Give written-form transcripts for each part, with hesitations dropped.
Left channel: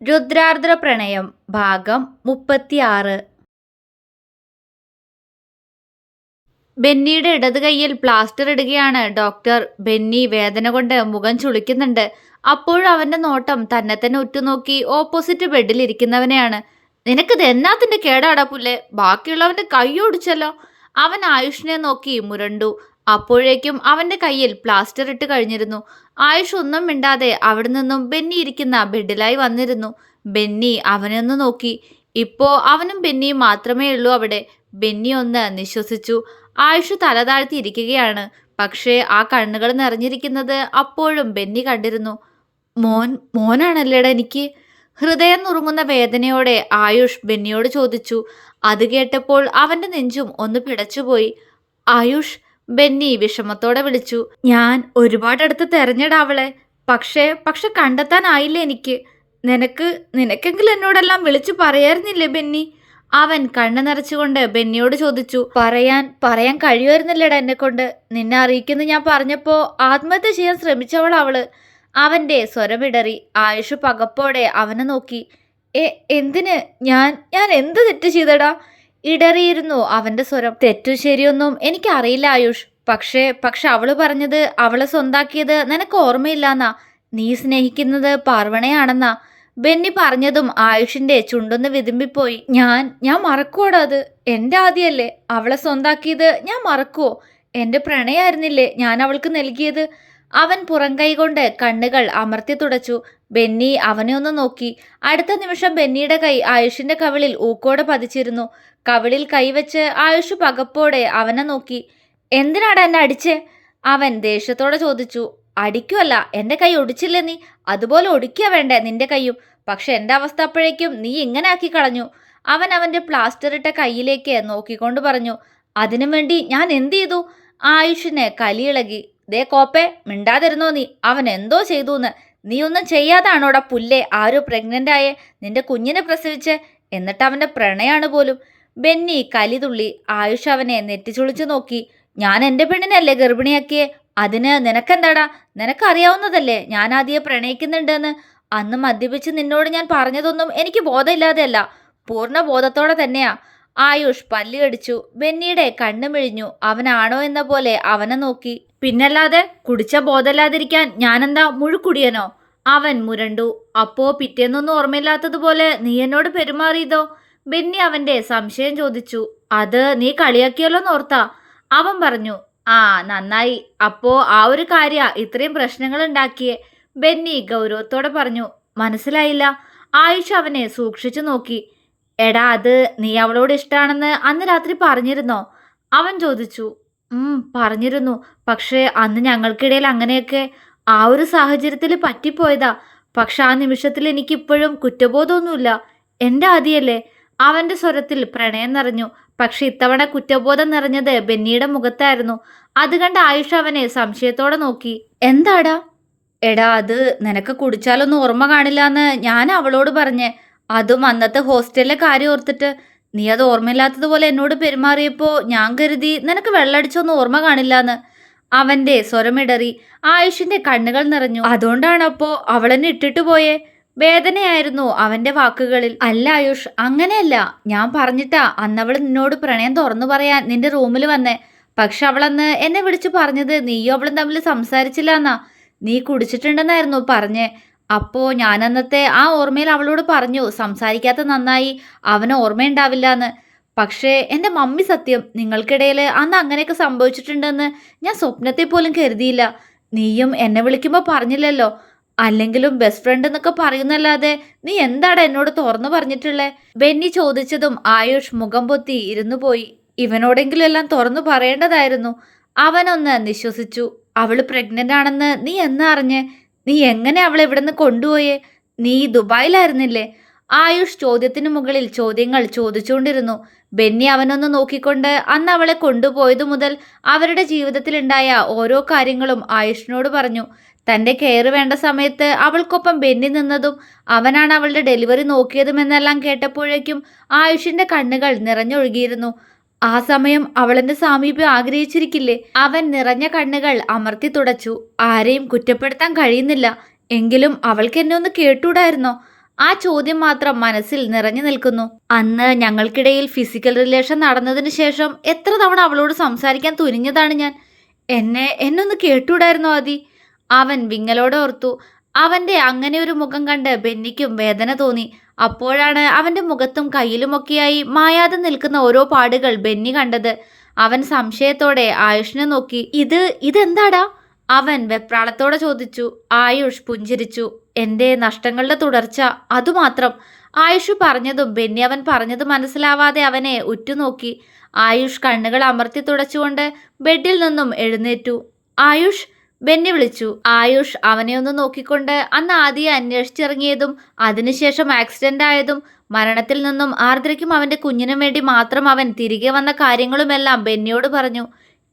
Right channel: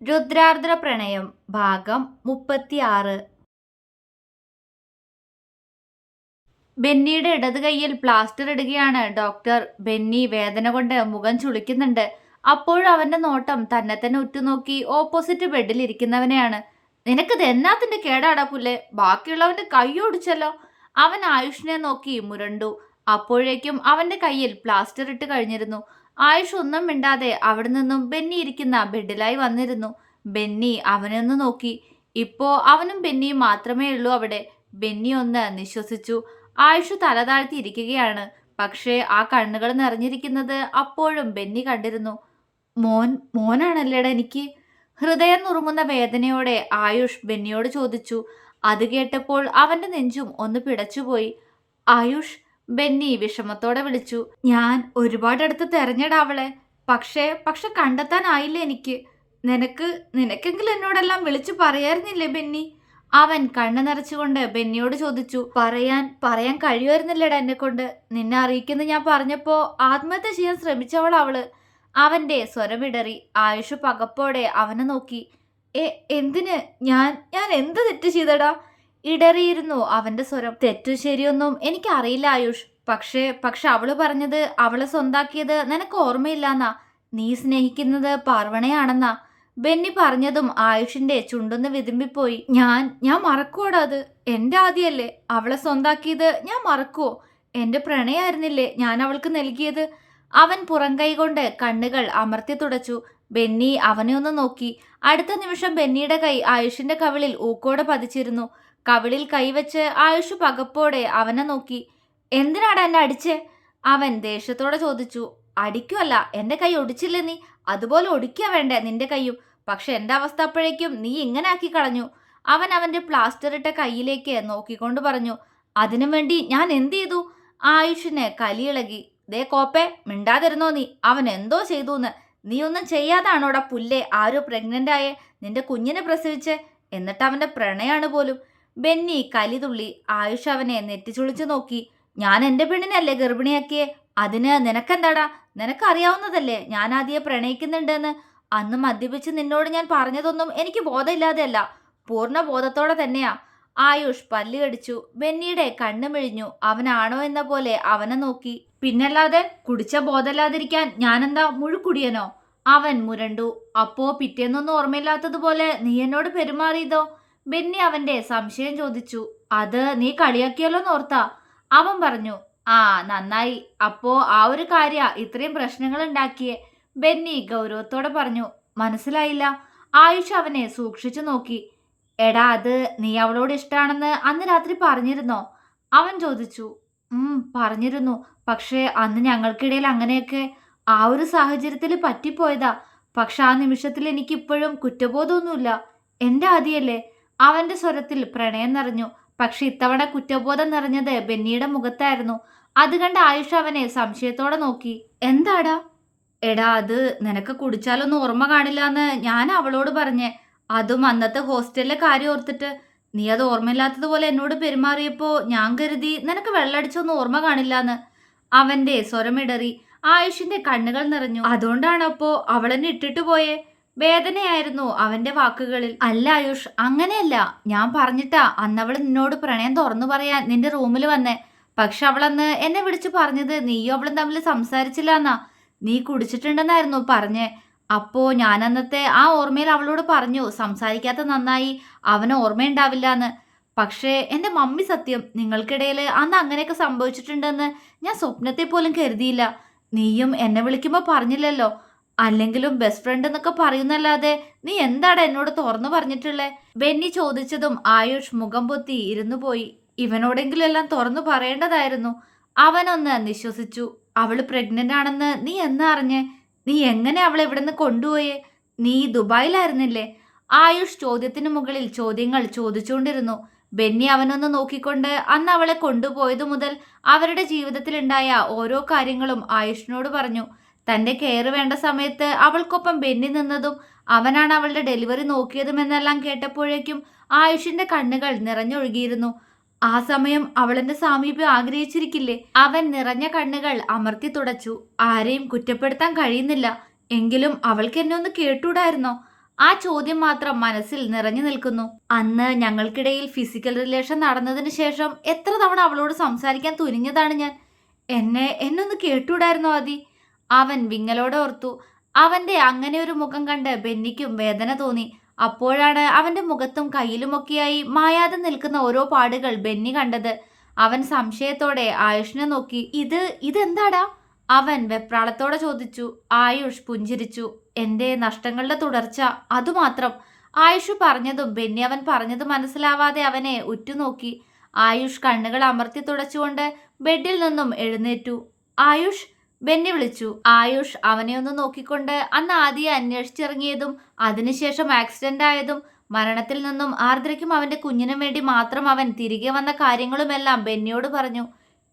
രുദ്രാർദ്ര പ്രണയം ഭാഗം 36. ബെന്നിയുടെ ഇടത് കൈയിൽ പ്ലാസ്റ്റർ ഇടുകയാണ് ഡോക്ടർ. ബെന്നി വേദന കൊണ്ട് മുഖം ചുളിക്കുന്നുണ്ട്. അപ്പോഴും അവന്റെ നോട്ടം തന്നെ തന്നെ ഉറ്റുനോക്കി ഓപ്പോസിറ്റ് ബെഡിൽ ഇരിക്കുന്നവനെയാണ്. നിനക്കിത് എന്നാത്തിന്റെ കേടാടാ പുല്ലേ, ബാക്കിയുള്ളവന്റെ കൈ ഒടിച്ചല്ലോ. അവൻ ആയുഷിനെ നോക്കി മുരണ്ടു. അപ്പോഴേക്കും അവന്റെ കയ്യിൽ പ്ലാസ്റ്റർ ഇട്ട് കഴിഞ്ഞിരുന്നു. ആയുഷ് ഒന്നും മിണ്ടാതെ അവിടെ നിന്നും ബെന്നി ഇരിക്കുന്ന ബെഡിലായി വന്നിരുന്നു. ബെന്നി അവനെ ഒന്ന് നോക്കി. ഇപ്പോ അവനും ബെന്നിയും മാത്രമേ ഉള്ളൂ അവിടെ. ബെന്നി ഒന്ന് നിശ്വസിച്ചു. ആയുഷ് തല താഴ്ത്തിയിരിക്കുകയാണ്. പക്ഷേ ആ കണ്ണുകൾ നിറഞ്ഞിരിക്കുന്നത് അപ്പോഴും ബെന്നി കണ്ടിരുന്നു. മോനാണല്ലേടാ എനിക്ക്? ഹൃദയം നുറുങ്ങുന്ന വേദനയോടെ ആയുഷ് ബെന്നിയോട് ചോദിച്ചു. അത് കേട്ടപ്പോൾ അവന്റെ നെഞ്ചും ഒന്ന് പിടച്ചുപോയി. ആയുഷ്, ബെന്നി വിഷമത്തോടെ വിളിച്ചു. ഞാൻ ഒരുപാടടുത്ത് തെരഞ്ഞെടാവളെ, പക്ഷെ കണ്ടെത്താനായില്ല എനിക്ക്. നിനക്കെങ്കിലും എന്നോടെല്ലാം വിളിച്ചു പറയായിരുന്നില്ലേ ബെന്നി? അവൻ കണ്ണു നിറച്ചുകൊണ്ട് ബെന്നിയോട് ചോദിച്ചു. പറയാൻ കഴിയുമായിരുന്നില്ലടാ എന്നെ കൊണ്ട്. നിന്നെ അറിയിക്കുന്നു ഞാൻ പറഞ്ഞപ്പോ ആത്മഹത്യ ചെയ്യാൻ ശ്രമിച്ചവളവള്. അവന്റെ സ്വരമിടറി. ആയുഷ് പകപ്പോടെ അവനെ നോക്കി. എന്തിന്? ഞാൻ എന്ത് തെറ്റ് ചെയ്തടാ? ഇടറിയിരുന്നു അവന്റെ സ്വരം. തെറ്റു ശരിയൊന്നും എനിക്കറിയില്ല ആയുഷ്. പക്ഷെ അവള് പറഞ്ഞത് അവളെ സ്വന്താക്കിയത് നിനക്ക് ഓർമ്മയില്ലാന്നാ. നീ സ്നേഹിക്കുന്നത് പാർവണയാണെന്നാ. ബെന്നി പറഞ്ഞതും ആയുഷിന്റെ ചുണ്ടൊന്ന് വിതുമ്പിപ്പോയി. ഞാൻ മറക്കുവോടാ അത്? എൻ്റെ ആദ്യമല്ലേ അവളെ സ്വന്താക്കിയത്? ഞാൻ മറക്കുവോ? എൻ്റെ പ്രണയായിരുന്നില്ലേ ഞാൻ അവൾക്ക് നൽകിയത്? അവൻ പുറംകൈ കൊണ്ട് കണ്ണുകൾ അമർത്തി തുടച്ചു. ബെന്നി അവനെ ഒന്ന് നോക്കി. അടുത്ത നിമിഷം ബെന്നിയുടെ കൈ ആയുഷിന്റെ കവിളിൽ ഊക്കോടെ പതിച്ചിരുന്നു. കവിളിൽ കൈവച്ച് ആയുഷ് പകപ്പോടെ അവനെ നോക്കി. എന്തിനാടാ എന്നെ അടിച്ചേ? അവൻ ദേഷ്യത്തോടെ ചോദിച്ചു. അടിക്കുമല്ല, എൻ്റെ കൈ ഒടിച്ചില്ലേ നീ? അതുപോലെ ഒടിക്കുക വേണ്ടേ നിന്റെ കൈയും? പക്ഷെ എൻ്റെ അവസ്ഥ അപ്പോഴേക്കും നീ ഇങ്ങനെ ആക്കി കളഞ്ഞു. അവൻ അവൻ്റെ പ്ലാസ്റ്റർ ഇട്ട കൈയിലേക്ക് നോക്കിക്കൊണ്ട് പറഞ്ഞു. അതിനു വേണ്ടി ഞാൻ എന്ത് ചെയ്തു? ആയുഷിന് കലിയിളകി. ദേ കോപ്പേ, മിണ്ടാതിരുന്നോ നീ? അവൻ എന്തോ ചെയ്തൂന്ന്. നീ ഒന്നും ചെയ്യാതാണോടാ പുല്ലേ ആരോ പ്രഗ്നൻ്റ് ആയേ, നിന്റെ കുഞ്ഞിനെ പ്രസവിച്ച്? എന്നിട്ട് അവൻ്റെ പ്രണയാണ് പോലും. ബെന്നി കലി തുള്ളി. ആയുഷ് അവനെ നെറ്റിച്ചുളിച്ചു നോക്കി. ഞാൻ എൻ്റെ പെണ്ണിനല്ലേ ഗർഭിണിയാക്കിയേ? അതിന് നിനക്കെന്താടാ? നിനക്കറിയാവുന്നതല്ലേ ഞാൻ ആദ്യം പ്രണയിക്കുന്നുണ്ടെന്ന്. അന്ന് മദ്യപിച്ച് നിന്നോട് ഞാൻ പറഞ്ഞതൊന്നും എനിക്ക് ബോധമില്ലാതെയല്ല, പൂർണ്ണ ബോധത്തോടെ തന്നെയാ. ആയുഷ് പല്ലി കടിച്ചു. ബെന്നിയുടെ കണ്ണു മിഴിഞ്ഞു. അവനാണോ എന്ന പോലെ അവനെ നോക്കി. പിന്നല്ലാതെ, കുടിച്ച ബോധമില്ലാതിരിക്കാൻ ഞാനെന്താ മുഴുക്കുടിയനോ? അവൻ മുരണ്ടു. അപ്പോ പിറ്റേന്നൊന്നും ഓർമ്മയില്ലാത്തതുപോലെ നീ എന്നോട് പെരുമാറിയതോ? ബെന്നി അവന്റെ സംശയം ചോദിച്ചു. അത് നീ കളിയാക്കിയല്ലോന്നോർത്താ. അവൻ പറഞ്ഞു. ആ, നന്നായി. അപ്പോ ആ ഒരു കാര്യ ഇത്രയും പ്രശ്നങ്ങൾ ഉണ്ടാക്കിയേ? ബെന്നി ഗൗരവത്തോടെ പറഞ്ഞു. മനസ്സിലായില്ല. ആയുഷ് അവനെ സൂക്ഷിച്ചു നോക്കി. എടാ, അത് നീ അവളോട് ഇഷ്ടമാണെന്ന് അന്ന് രാത്രി പറഞ്ഞിരുന്നോ? അവൻ ചോദിച്ചു. പറഞ്ഞിരുന്നു. പക്ഷേ അന്ന് ഞങ്ങൾക്കിടയിൽ അങ്ങനെയൊക്കെ ആ ഒരു സാഹചര്യത്തിൽ പറ്റിപ്പോയതാ. പക്ഷെ ആ നിമിഷത്തിൽ എനിക്കിപ്പോഴും കുറ്റബോധമൊന്നുമില്ല. എൻ്റെ ആദിയല്ലേ? അവന്റെ സ്വരത്തിൽ പ്രണയം നിറഞ്ഞു. പക്ഷെ ഇത്തവണ കുറ്റബോധം നിറഞ്ഞത് ബെന്നിയുടെ മുഖത്തായിരുന്നു. അത് കണ്ട് ആയുഷ് അവനെ സംശയത്തോടെ നോക്കി. എന്താടാ? എടാ, അത് നിനക്ക് കുടിച്ചാലൊന്നും ഓർമ്മ കാണില്ല എന്ന് ഞാൻ അവളോട് പറഞ്ഞേ. അതും അന്നത്തെ ഹോസ്റ്റലിലെ കാര്യം ഓർത്തിട്ട്. നീ അത് ഓർമ്മയില്ലാത്തതുപോലെ എന്നോട് പെരുമാറിയപ്പോൾ ഞാൻ കരുതി നിനക്ക് വെള്ളടിച്ചൊന്നും ഓർമ്മ കാണില്ലാന്ന്. അവന്റെ സ്വരമിടറി. ആയുഷിന്റെ കണ്ണുകൾ നിറഞ്ഞു. അതുകൊണ്ടാണപ്പോ അവളെന്നെ ഇട്ടിട്ട് പോയേ? വേദനയായിരുന്നു അവന്റെ വാക്കുകളിൽ. അല്ല ആയുഷ്, അങ്ങനെയല്ല. ഞാൻ പറഞ്ഞിട്ടാ അന്നവൾ നിന്നോട് പ്രണയം തുറന്നു പറയാൻ നിന്റെ റൂമിൽ വന്നേ. പക്ഷെ അവളന്ന് എന്നെ വിളിച്ചു പറഞ്ഞത് നീയും അവളും തമ്മിൽ സംസാരിച്ചില്ല എന്നാ. നീ കുടിച്ചിട്ടുണ്ടെന്നായിരുന്നു പറഞ്ഞേ. അപ്പോ ഞാനന്നത്തെ ആ ഓർമ്മയിൽ അവളോട് പറഞ്ഞു, സംസാരിക്കാത്ത നന്നായി, അവന് ഓർമ്മയുണ്ടാവില്ല എന്ന്. പക്ഷേ എൻ്റെ മമ്മി സത്യം, നിങ്ങൾക്കിടയിൽ അന്ന് അങ്ങനെയൊക്കെ സംഭവിച്ചിട്ടുണ്ടെന്ന് ഞാൻ സ്വപ്നത്തെ പോലും കരുതിയില്ല. നീയും എന്നെ വിളിക്കുമ്പോൾ പറഞ്ഞില്ലല്ലോ. അല്ലെങ്കിലും ബെസ്റ്റ് ഫ്രണ്ട് എന്നൊക്കെ പറയുന്നല്ലാതെ നീ എന്താടാ എന്നോട് തുറന്നു പറഞ്ഞിട്ടുള്ളേ? ബെന്നി ചോദിച്ചതും ആയുഷ് മുഖം പൊത്തി ഇരുന്നു പോയി. ഇവനോടെങ്കിലും എല്ലാം തുറന്നു പറയേണ്ടതായിരുന്നു. അവനൊന്ന് നിശ്വസിച്ചു. അവള് പ്രഗ്നന്റ് ആണെന്ന് നീ എന്നാ അറിഞ്ഞേ? നീ എങ്ങനെ അവളെ ഇവിടുന്ന് കൊണ്ടുപോയേ? നീ ദുബായിലായിരുന്നില്ലേ? ആയുഷ് ചോദ്യത്തിന് മുകളിൽ ചോദ്യങ്ങൾ ചോദിച്ചുകൊണ്ടിരുന്നു. ബെന്നി അവനൊന്ന് നോക്കിക്കൊണ്ട് അന്ന് അവളെ കൊണ്ടുപോയതു മുതൽ അവരുടെ ജീവിതത്തിലുണ്ടായ ഓരോ കാര്യങ്ങളും ആയുഷിനോട് പറഞ്ഞു. തൻ്റെ കെയർ വേണ്ട സമയത്ത് അവൾക്കൊപ്പം ബെന്നി നിന്നതും അവനാണ് അവളുടെ ഡെലിവറി നോക്കിയതുമെന്നെല്ലാം കേട്ടപ്പോഴേക്കും ആയുഷിന്റെ കണ്ണുകൾ നിറഞ്ഞൊഴുകിയിരുന്നു. ആ സമയം അവളെന്റെ സാമീപ്യം ആഗ്രഹിച്ചിരിക്കില്ലേ? അവൻ നിറഞ്ഞ കണ്ണുകൾ അമർത്തി തുടച്ചു. ആരെയും കുറ്റപ്പെടുത്താൻ കഴിയുന്നില്ല. എങ്കിലും അവൾക്ക് എന്നെ ഒന്ന് കേട്ടൂടായിരുന്നോ? ആ ചോദ്യം മാത്രം മനസ്സിൽ നിറഞ്ഞു നിൽക്കുന്നു. അന്ന് ഞങ്ങൾക്കിടയിൽ ഫിസിക്കൽ റിലേഷൻ നടന്നതിന് ശേഷം എത്ര തവണ അവളോട് സംസാരിക്കാൻ തുനിഞ്ഞതാണ് ഞാൻ. എന്നൊന്ന് കേട്ടൂടായിരുന്നോ ആദി? അവൻ വിങ്ങലോടെ ഓർത്തു. അവന്റെ അങ്ങനെ ഒരു മുഖം കണ്ട് ബെന്നിക്കും വേദന തോന്നി. അപ്പോഴാണ് അവന്റെ മുഖത്തും കയ്യിലുമൊക്കെയായി മായാതെ നിൽക്കുന്ന ഓരോ പാടുകൾ ബെന്നി കണ്ടത്. അവൻ സംശയത്തോടെ ആയുഷിനെ നോക്കി. ഇതെന്താടാ? അവൻ വെപ്രാളത്തോടെ ചോദിച്ചു. ആയുഷ് പുഞ്ചിരിച്ചു. എൻ്റെ നഷ്ടങ്ങളുടെ തുടർച്ച, അതുമാത്രം. ആയുഷ് പറഞ്ഞതും ബെന്നി അവൻ പറഞ്ഞത് മനസ്സിലാവാതെ അവനെ ഉറ്റുനോക്കി. ആയുഷ് കണ്ണുകൾ അമർത്തി തുടച്ചുകൊണ്ട് ബെഡിൽ നിന്നും എഴുന്നേറ്റു. ആയുഷ്, ബെന്നി വിളിച്ചു. ആയുഷ് അവനെ ഒന്ന് നോക്കിക്കൊണ്ട് അന്ന് ആദ്യം അന്വേഷിച്ചിറങ്ങിയതും അതിനുശേഷം ആക്സിഡന്റ് ആയതും മരണത്തിൽ നിന്നും ആർദ്രയ്ക്കും അവന്റെ കുഞ്ഞിനും വേണ്ടി മാത്രം അവൻ തിരികെ വന്ന കാര്യങ്ങളുമെല്ലാം ബെന്നിയോട് പറഞ്ഞു.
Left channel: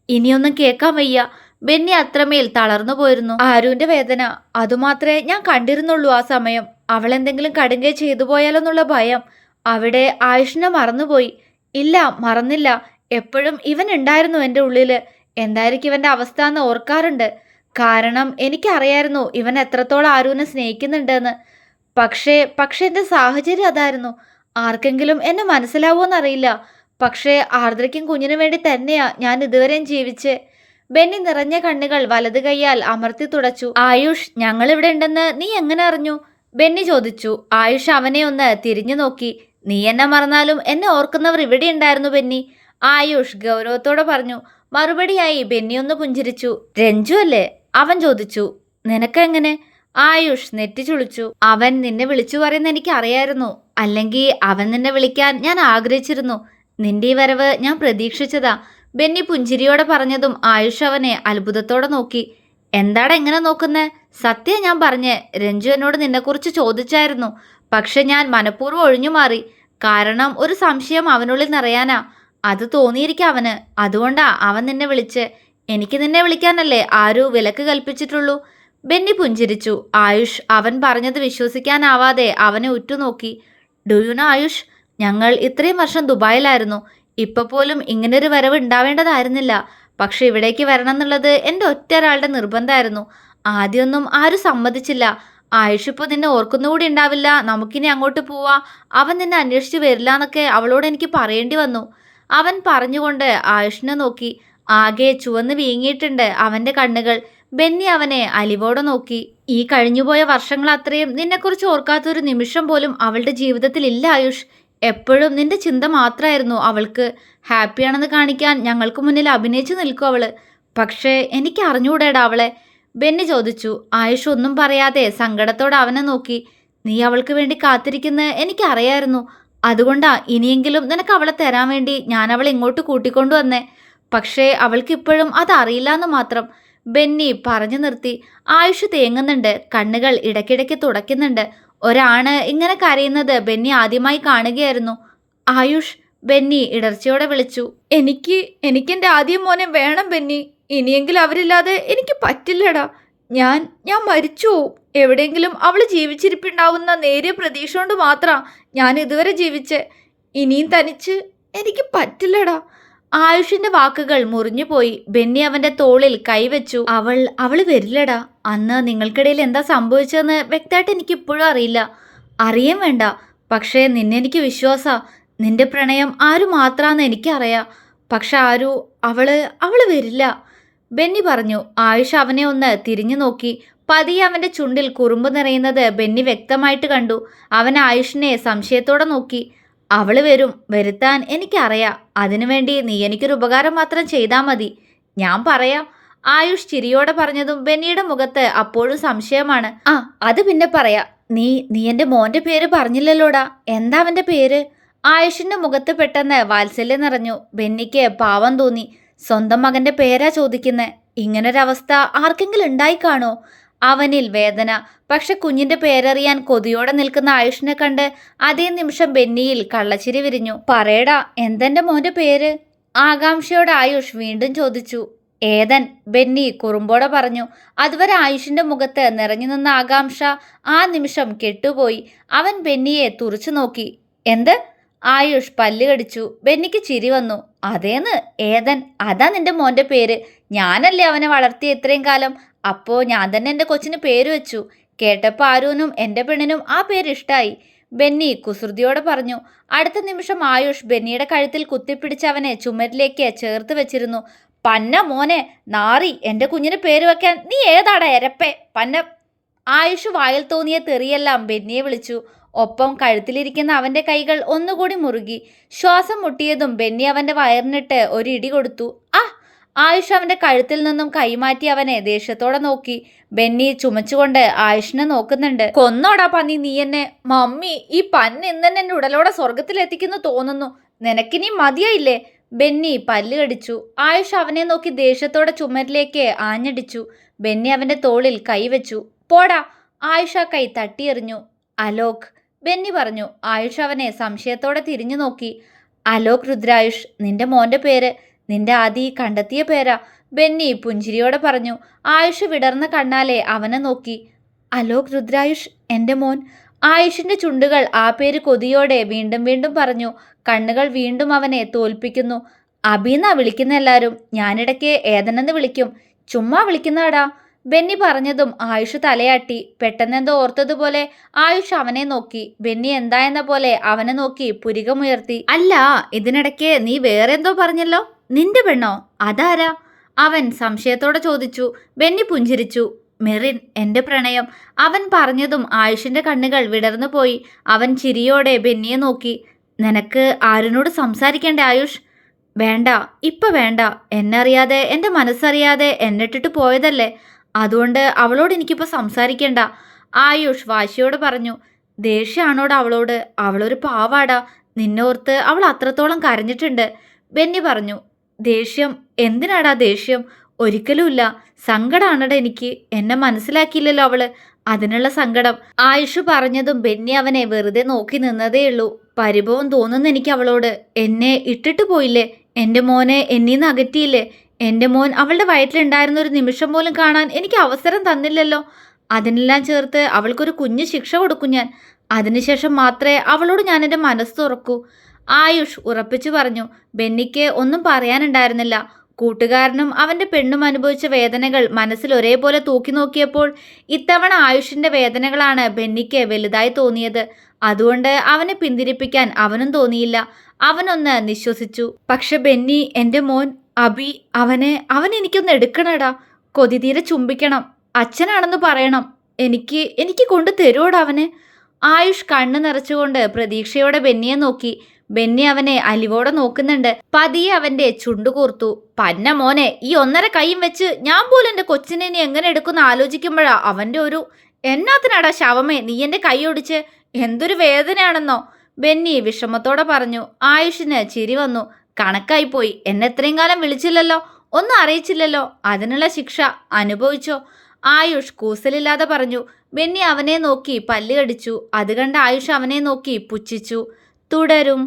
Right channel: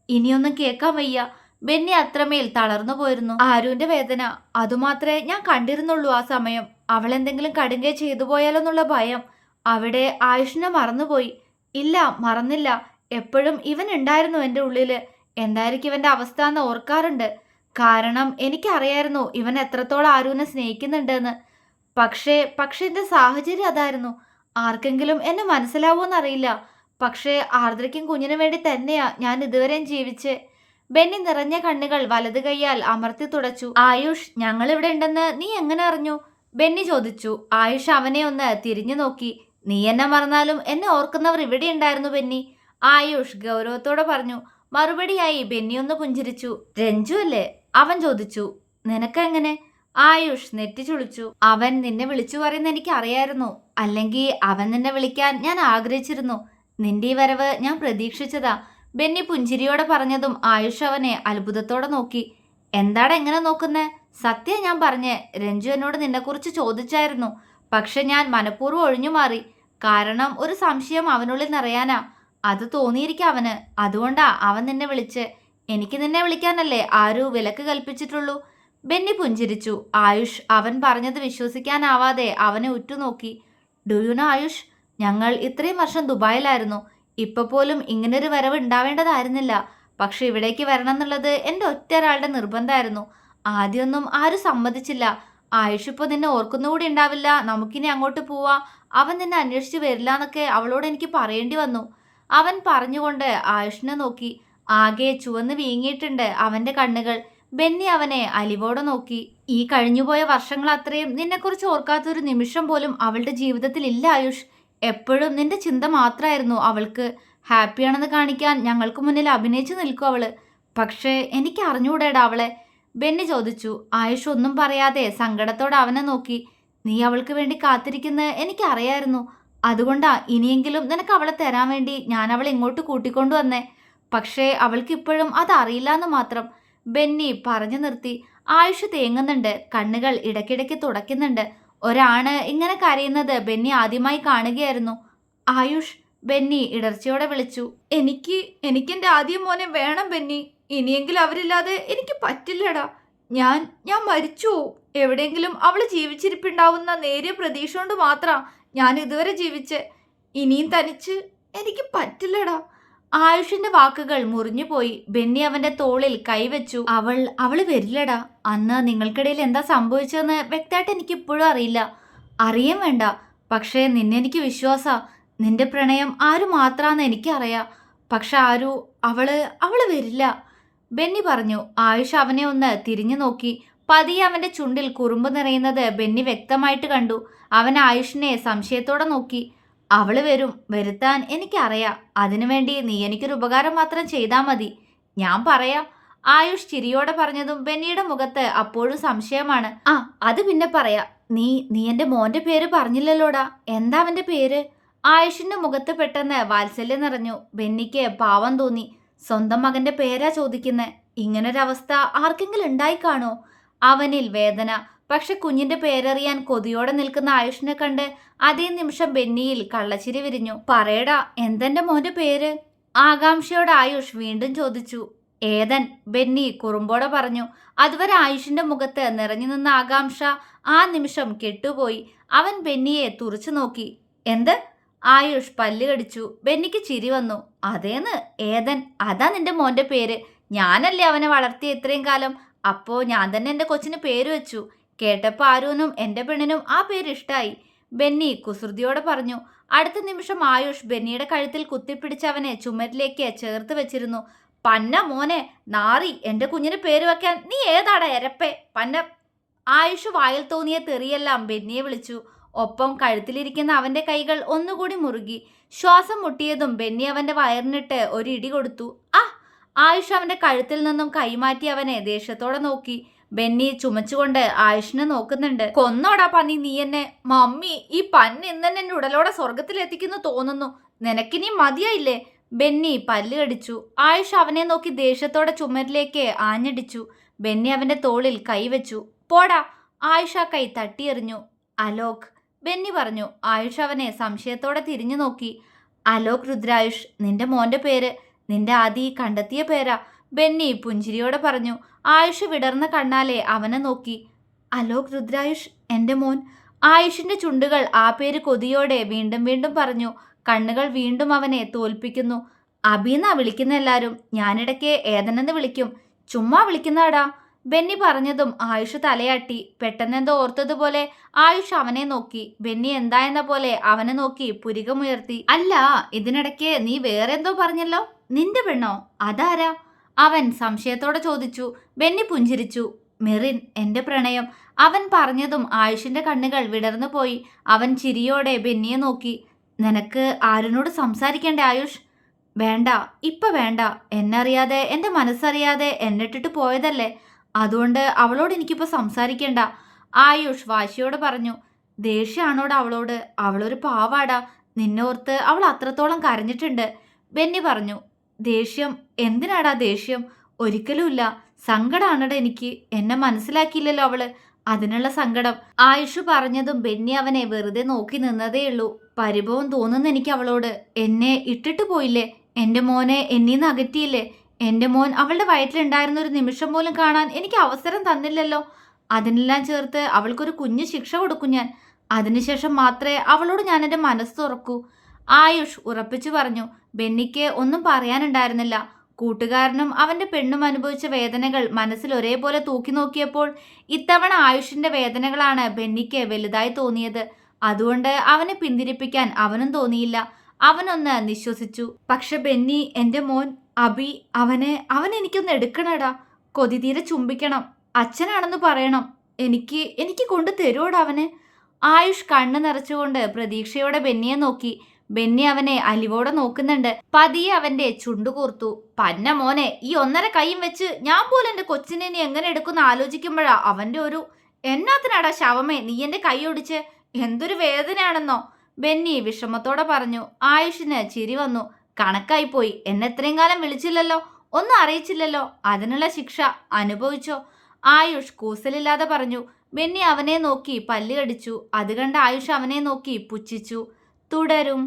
ഇനിയൊന്നും കേൾക്കാൻ വയ്യ. ബെന്നി അത്രമേൽ തളർന്നു പോയിരുന്നു. ആരുവിന്റെ വേദന അതുമാത്രമേ ഞാൻ കണ്ടിരുന്നുള്ളൂ ആ സമയം. അവൾ എന്തെങ്കിലും കടുങ്കൈ ചെയ്തു പോയാലോന്നുള്ള ഭയം. അവിടെ ആയുഷിനെ മറന്നുപോയി. ഇല്ല, മറന്നില്ല. എപ്പോഴും ഇവൻ ഉണ്ടായിരുന്നു എൻ്റെ ഉള്ളില്. എന്തായിരിക്കും ഇവന്റെ അവസ്ഥ എന്ന് ഓർക്കാറുണ്ട്. കാരണം എനിക്കറിയായിരുന്നു ഇവൻ എത്രത്തോളം ആരുവിനെ സ്നേഹിക്കുന്നുണ്ടെന്ന്. പക്ഷേ എൻ്റെ സാഹചര്യം അതായിരുന്നു. ആർക്കെങ്കിലും എന്നെ മനസ്സിലാവുമെന്നറിയില്ല. പക്ഷേ ആർദ്രയ്ക്കും കുഞ്ഞിനു വേണ്ടി തന്നെയാ ഞാൻ ഇതുവരെയും ജീവിച്ച്. ബെന്നി നിറഞ്ഞ കണ്ണുകൾ വലത് കൈയാൽ അമർത്തി തുടച്ചു. ആയുഷ്, ഞങ്ങളിവിടെ ഉണ്ടെന്ന് നീ എങ്ങനെ അറിഞ്ഞു? ബെന്നി ചോദിച്ചു. ആയുഷ് അവനെ ഒന്ന് തിരിഞ്ഞു നോക്കി. നീ എന്നെ മറന്നാലും എന്നെ ഓർക്കുന്നവർ ഇവിടെ ഉണ്ടായിരുന്നു ബെന്നി. ആയുഷ് ഗൗരവത്തോടെ പറഞ്ഞു. മറുപടിയായി ബെന്നി ഒന്ന് പുഞ്ചിരിച്ചു. രഞ്ജു അല്ലേ? അവൻ ചോദിച്ചു. നിനക്കെങ്ങനെ? ആയുഷ് നെറ്റി ചുളിച്ചു. അവൻ നിന്നെ വിളിച്ചു പറയുന്ന എനിക്ക് അറിയായിരുന്നു. അല്ലെങ്കിൽ അവൻ നിന്നെ വിളിക്കാൻ ഞാൻ ആഗ്രഹിച്ചിരുന്നു. നിന്റെ ഈ വരവ് ഞാൻ പ്രതീക്ഷിച്ചതാ. ബെന്നി പുഞ്ചിരിയോടെ പറഞ്ഞതും ആയുഷ് അവനെ അത്ഭുതത്തോടെ നോക്കി. എന്താടാ എങ്ങനെ നോക്കുന്നേ? സത്യം ഞാൻ പറഞ്ഞേ. രഞ്ജു എന്നോട് നിന്നെക്കുറിച്ച് ചോദിച്ചായിരുന്നു. പക്ഷെ ഞാൻ മനഃപൂർവ്വം ഒഴിഞ്ഞു മാറി. കാരണം ഒരു സംശയം അവനുള്ളിൽ നിറയാനാ. അത് തോന്നിയിരിക്കാം അവന്. അതുകൊണ്ടാ അവൻ നിന്നെ വിളിച്ച്. എനിക്ക് നിന്നെ വിളിക്കാനല്ലേ ആരോ വിലക്ക് കൽപ്പിച്ചിട്ടുള്ളൂ. ബെന്നി പുഞ്ചിരിച്ചു. ആയുഷ് അവൻ പറഞ്ഞത് വിശ്വസിക്കാനാവാതെ അവനെ ഉറ്റുനോക്കി. ഡു യു നോ ആയുഷ്, ഞങ്ങൾ ഇത്രയും വർഷം ദുബായിലായിരുന്നു. ഇപ്പൊ പോലും ഇങ്ങനൊരു വരവ് ഉണ്ടാവേണ്ടതായിരുന്നില്ല. പക്ഷെ ഇവിടേക്ക് വരണം എന്നുള്ളത് എൻ്റെ ഒറ്റ ഒരാളുടെ നിർബന്ധമായിരുന്നു. ആദ്യമൊന്നും ആരും സമ്മതിച്ചില്ല. ആയുഷ് ഇപ്പോൾ നിന്നെ ഓർക്കുന്നുകൂടി ഉണ്ടാവില്ല, നമുക്കിനി അങ്ങോട്ട് പോവാ, അവൻ നിന്നെ അന്വേഷിച്ച് വരില്ല എന്നൊക്കെ അവളോട് എനിക്ക് പറയേണ്ടി വന്നു. അവൻ പറഞ്ഞുകൊണ്ട് ആയുഷിനെ നോക്കി. ആകെ ചുവന്ന് വീങ്ങിയിട്ടുണ്ട് അവൻ്റെ കണ്ണുകൾ. ബെന്നി അവനെ അലിവോടെ നോക്കി. ഈ കഴിഞ്ഞുപോയ വർഷങ്ങൾ അത്രയും നിന്നെക്കുറിച്ച് ഓർക്കാത്തൊരു നിമിഷം പോലും അവളുടെ ജീവിതത്തിൽ ഇല്ല ആയുഷ്. എപ്പോഴും നിന്റെ ചിന്ത മാത്രമായിരുന്നു അവൾക്ക്. ഹാപ്പിയാണെന്ന് കാണിക്കാൻ ഞങ്ങൾക്ക് മുന്നിൽ അഭിനയിച്ചു നിൽക്കും അവള്. പക്ഷേ എനിക്ക് അറിഞ്ഞുകൂടേടാ അവളെ? ബെന്നി ചോദിച്ചു. ആയുഷ് ഒന്നും പറയാതെ സങ്കടത്തോടെ അവനെ നോക്കി. നീ അവൾക്ക് വേണ്ടി കാത്തിരിക്കുന്നത് എനിക്കറിയായിരുന്നു. അതുകൊണ്ടാ ഇനിയെങ്കിലും നിനക്ക് അവളെ തരാൻ വേണ്ടി ഞാൻ അവളെ ഇങ്ങോട്ട് കൂട്ടിക്കൊണ്ടുവന്നേ. പക്ഷേ അവൾക്ക് ഇപ്പോഴും അതറിയില്ല എന്ന് മാത്രം. ബെന്നി പറഞ്ഞു നിർത്തി. ആയുഷ് തേങ്ങുന്നുണ്ട്. കണ്ണുകൾ ഇടയ്ക്കിടയ്ക്ക് തുടയ്ക്കുന്നുണ്ട്. ഒരാണ് ഇങ്ങനെ കരയുന്നത് ബെന്നി ആദ്യമായി കാണുകയായിരുന്നു. ആയുഷ്, ബെന്നി ഇടർച്ചയോടെ വിളിച്ചു. എനിക്കെൻ്റെ ആദ്യം മോനെ വേണം ബെന്നി. ഇനിയെങ്കിലും അവരില്ലാതെ എനിക്ക് പറ്റില്ലടാ. ഞാൻ മരിച്ചു പോവും. എവിടെയെങ്കിലും അവൾ ജീവിച്ചിരിപ്പുണ്ടാവുന്ന നേരിയ പ്രതീക്ഷ കൊണ്ട് മാത്രം ഞാൻ ഇതുവരെ ജീവിച്ചേ. ഇനിയും തനിച്ച് എനിക്ക് പറ്റില്ലടാ. ആയുഷിന്റെ വാക്കുകൾ മുറിഞ്ഞുപോയി. ബെന്നി അവന്റെ തോളിൽ കൈവച്ചു. അവള് വരില്ലടാ. അന്ന് നിങ്ങൾക്കിടയിൽ എന്താ സംഭവിച്ചതെന്ന് വ്യക്തമായിട്ട് എനിക്കിപ്പോഴും അറിയില്ല. അറിയാൻ വേണ്ട. പക്ഷേ നിന്നെ എനിക്ക് വിശ്വാസാ. നിന്റെ പ്രണയം ആരു മാത്രാന്ന് എനിക്കറിയാം. പക്ഷെ അവള് വരില്ല. ബെന്നി പറഞ്ഞു. ആയുഷ് അവനെ ഒന്ന് തിരിഞ്ഞു നോക്കി. പതിയെ അവന്റെ ചുണ്ടിൽ കുറുമ്പ് നിറയുന്നത് ബെന്നി വ്യക്തമായിട്ട് കണ്ടു. അവൻ ആയുഷിനെ സംശയത്തോടെ നോക്കി. അവള് വരും. വരുത്താൻ എനിക്കറിയാം. അതിനുവേണ്ടി നീ എനിക്കൊരു ഉപകാരം മാത്രം ചെയ്താൽ മതി. ഞാൻ പറയാം. ആയുഷ് ചിരിയോടെ പറഞ്ഞതും ബെന്നിയുടെ മുഖത്ത് അപ്പോഴും സംശയമാണ്. അത് പിന്നെ പറയാം. നീ എൻ്റെ മോൻ്റെ പേര് പറഞ്ഞില്ലല്ലോടാ. എന്താ അവൻ്റെ പേര്? ആയുഷിന്റെ മുഖത്ത് പെട്ടെന്ന് വാത്സല്യം നിറഞ്ഞു. ബെന്നിക്ക് പാവം തോന്നി. സ്വന്തം മകന്റെ പേരാ ചോദിക്കുന്നേ. ഇങ്ങനൊരവസ്ഥ ആർക്കെങ്കിലും ഉണ്ടായി കാണോ? അവനിൽ വേദന. പക്ഷെ കുഞ്ഞിന്റെ പേരറിയാൻ കൊതിയോടെ നിൽക്കുന്ന ആയുഷിനെ കണ്ട് അതേ നിമിഷം ബെന്നിയിൽ കള്ളച്ചിരി വിരിഞ്ഞു. പറയടാ, എന്തെന്റെ മോന്റെ പേര്? ആകാംക്ഷയോടെ ആയുഷ് വീണ്ടും ചോദിച്ചു. ഏതൻ, ബെന്നി കുറുമ്പോടെ പറഞ്ഞു. അതുവരെ ആയുഷിന്റെ മുഖത്ത് നിറഞ്ഞു നിന്ന ആകാംക്ഷ ആ നിമിഷം കെട്ടുപോയി. അവൻ ബെന്നിയെ തുറച്ചു നോക്കി. എന്ത്? ആയുഷ് പല്ല് കടിച്ചു. ബെന്നിക്ക് ചിരി വന്നു. അതേന്ന്, ഏതൻ. അതാ നിന്റെ മോന്റെ പേര്. ഞാനല്ലേ അവനെ വളർത്തിയ ഇത്രയും കാലം. അപ്പോൾ ഞാൻ തന്നെ എൻ്റെ കൊച്ചിന് പേര് വെച്ചു. കേട്ടപ്പോൾ ആരൂനും എൻ്റെ പെണ്ണിനും ആ പേര് ഇഷ്ടായി. ബെന്നി കുസൃതിയോടെ പറഞ്ഞു. അടുത്ത നിമിഷം ആയുഷ് ബെന്നിയുടെ കഴുത്തിൽ കുത്തിപ്പിടിച്ച് അവനെ ചുമരിലേക്ക് ചേർത്ത് വെച്ചിരുന്നു. പന്ന മോനെ നാറി, എൻ്റെ കുഞ്ഞിന് പേര് വെക്കാൻ നീ ഏതാടാ എരപ്പേ പന്ന. ആയുഷ് വായിൽ തോന്നിയ തെറിയെല്ലാം ബെന്നിയെ വിളിച്ചു. ഒപ്പം കഴുത്തിലിരിക്കുന്ന അവൻ്റെ കൈകൾ ഒന്നുകൂടി മുറുകി. ശ്വാസം മുട്ടിയതും ബെന്നി അവൻ്റെ വയറിനിട്ട് ഒരു ഇടി കൊടുത്തു. ആ! ആയുഷ് അവൻ്റെ കഴുത്തിൽ നിന്നും കൈമാറ്റി അവനെ ദേഷ്യത്തോടെ നോക്കി. ബെന്നി ചുമച്ചുകൊണ്ട് ആയുഷിനെ നോക്കുന്നുണ്ട്. കൊന്നോടാ പന്നി നീ എന്നെ. മമ്മി, ഈ പന്ന് ഇന്നെന്നെ എൻ്റെ ഉടലോടെ സ്വർഗത്തിലെത്തിക്കുന്നു തോന്നുന്നു. നിനക്കിനി മതിയായില്ലേ? ബെന്നി പല്ല് കടിച്ചു. ആയുഷ് അവനെ നോക്കി ദേഷ്യത്തോടെ ചുമരിലേക്ക് ആഞ്ഞടിച്ചു. ബെന്നി അവൻ്റെ തോളിൽ കൈവച്ചു. പോടാ! ആയുഷ് ആ കൈ തട്ടിയെറിഞ്ഞു. അലോക്, ബെന്നി പറഞ്ഞു. ആയുഷ് അവനെ സംശയത്തോടെ തിരിഞ്ഞു നോക്കി. അലോക് രുദ്രായുഷ്, നിന്റെ മോൻ്റെ പേര്. നിന്റെ ആദി കണ്ടെത്തിയ പേരാ, ബെന്നി പുഞ്ചിരിയോടെ പറഞ്ഞു. ആയുഷ് വിടർന്ന കണ്ണാലെ അവനെ നോക്കി. അലോക് രുദ്രായുഷ്, എൻ്റെ മോൻ. ആയുഷിൻ്റെ ചുണ്ടുകൾ ആ പേര് കൊതിയോടെ വീണ്ടും വീണ്ടും പറഞ്ഞു. കണ്ണുകൾ വീണ്ടും അവനെ തോൽപ്പിക്കുന്നു. അബീന്നാ വിളിക്കുന്ന എല്ലാവരും. ഞാനിടയ്ക്ക് ഏതനെന്ന് വിളിക്കും. ചുമ്മാ വിളിക്കുന്നതാടാ. ബെന്നി പറഞ്ഞതും ആയുഷ് തലയാട്ടി. പെട്ടെന്നെന്തോ ഓർത്തതുപോലെ ആയുഷ് അവനെ നോക്കി. ബെന്നി എന്തായെന്ന പോലെ അവനെ നോക്കി പുരികമുയർത്തി. അല്ല, ഇതിനിടയ്ക്ക് നീ വേറെ എന്തോ പറഞ്ഞല്ലോ. നിന്റെ പെണ്ണോ? അതാരാ? അവൻ സംശയത്തോടെ ചോദിച്ചു. ബെന്നി പുഞ്ചിരിച്ചു. മെറിൻ, എൻ്റെ പ്രണയം. അവൻ പറഞ്ഞതും ആയുഷിൻ്റെ കണ്ണുകൾ വിടർന്നു പോയി. അവൻ ചിരിയോടെ ബെന്നിയെ നോക്കി. നിനക്ക് ആരിനോട് സംസാരിക്കേണ്ടേ ആയുഷ്? വേണ്ട, ഇപ്പം വേണ്ട. എന്നറിയാതെ, എൻ്റെ മനസ്സറിയാതെ എന്നിട്ടിട്ട് പോയതല്ലേ. അതുകൊണ്ട് അവളോട് എനിക്കിപ്പോൾ സംസാരിക്കേണ്ട. ആയുഷ് വാശിയോട് പറഞ്ഞു. ദേഷ്യമാണോടാ അവളോട്? അവളൊരു പാവാടാ. നിന്നോർത്ത് അവൾ അത്രത്തോളം കരഞ്ഞിട്ടുണ്ട്. ബെന്നി പറഞ്ഞു. ദേഷ്യം? എന്തിനാടാ ദേഷ്യം? ഒരിക്കലുമില്ല. സങ്കടമാണടാ എനിക്ക്. എന്നെ മനസ്സിലാക്കിയില്ലല്ലോ അവള്. അതിനുള്ള സങ്കടം. ആയുഷ് പറഞ്ഞതും ബെന്നി അവനെ വെറുതെ നോക്കി നിന്നതേയുള്ളൂ. പരിഭവം തോന്നുന്നു എനിക്ക് അവളോട്. എന്നെ ഇട്ടിട്ട് പോയില്ലേ? എൻ്റെ മോനെ എന്നീന്ന് അകറ്റിയില്ലേ? എൻ്റെ മോൻ അവളുടെ വയറ്റിലുണ്ടായിരുന്ന ഒരു നിമിഷം പോലും കാണാൻ എനിക്ക് അവസരം തന്നില്ലല്ലോ. അതിനെല്ലാം ചേർത്ത് അവൾക്കൊരു കുഞ്ഞു ശിക്ഷ കൊടുക്കും ഞാൻ. അതിനുശേഷം മാത്രമേ അവളോട് ഞാൻ എൻ്റെ മനസ്സ് തുറക്കൂ. ആയുഷ് ഉറപ്പിച്ചു പറഞ്ഞു. ബെന്നിക്ക് ഒന്നും പറയാനുണ്ടായിരുന്നില്ല. കൂട്ടുകാരനും അവൻ്റെ പെണ്ണും അനുഭവിച്ച വേദനകൾ മനസ്സിൽ ഒരേപോലെ തൂക്കി നോക്കിയപ്പോൾ ഇത്തവണ ആയുഷിൻ്റെ വേദനകളാണ് ബെന്നിക്ക് വലുതായി തോന്നിയത്. അതുകൊണ്ട് അവനെ പിന്തിരിപ്പിക്കാൻ അവനും തോന്നിയില്ല. അവനൊന്ന് നിശ്വസിച്ചു. പക്ഷെ ബെന്നി, എൻ്റെ മോൻ അബി, അവനെനിക്കൊന്ന് എടുക്കണടാ. കൊതിതീരെ ചുംബിക്കണം. അച്ഛനാണെന്ന് പറയണം. എനിക്ക് കൊണ്ട് തരുവോടാ അവനെ. ആയുഷ് കണ്ണ് നിറച്ചുകൊണ്ട് പ്രതീക്ഷയോടെ ബെന്നിയെ നോക്കി. ബെന്നി അവനെ അലിവോടെ നോക്കുന്നുണ്ട്. പതിയെ അവൻ്റെ ചുണ്ടുകൂർത്തു. പന്ന മോനെ, ഈ 1.5 കൈയും വെച്ച് ഞാൻ പോലും എൻ്റെ കൊച്ചിനെ ഇനി എങ്ങനെ എടുക്കുന്ന ആലോചിക്കുമ്പോഴാ അവൻ്റെ ഒരു. എന്നാത്തിനാടാ ശവമേ നീ എൻ്റെ കൈ ഒടിച്ച്? എന്തൊരു വേദനയാണെന്നോ? ബെന്നി വിഷമത്തോടെ പറഞ്ഞു. ആയുഷിന് ചിരി വന്നു. കണക്കായിപ്പോയി. എന്നെ എത്രയും കാലം വിളിച്ചില്ലല്ലോ, ഒന്നും അറിയിച്ചില്ലല്ലോ. അതിനുള്ള ശിക്ഷ അനുഭവിച്ചോ? ആയുഷ് കൂസലില്ലാതെ പറഞ്ഞു. ബെന്നി അവനെ നോക്കി പല്ല് കടിച്ചു. അത് കണ്ട് ആയുഷ് അവനെ നോക്കി പുച്ഛിച്ചു. തുടരും.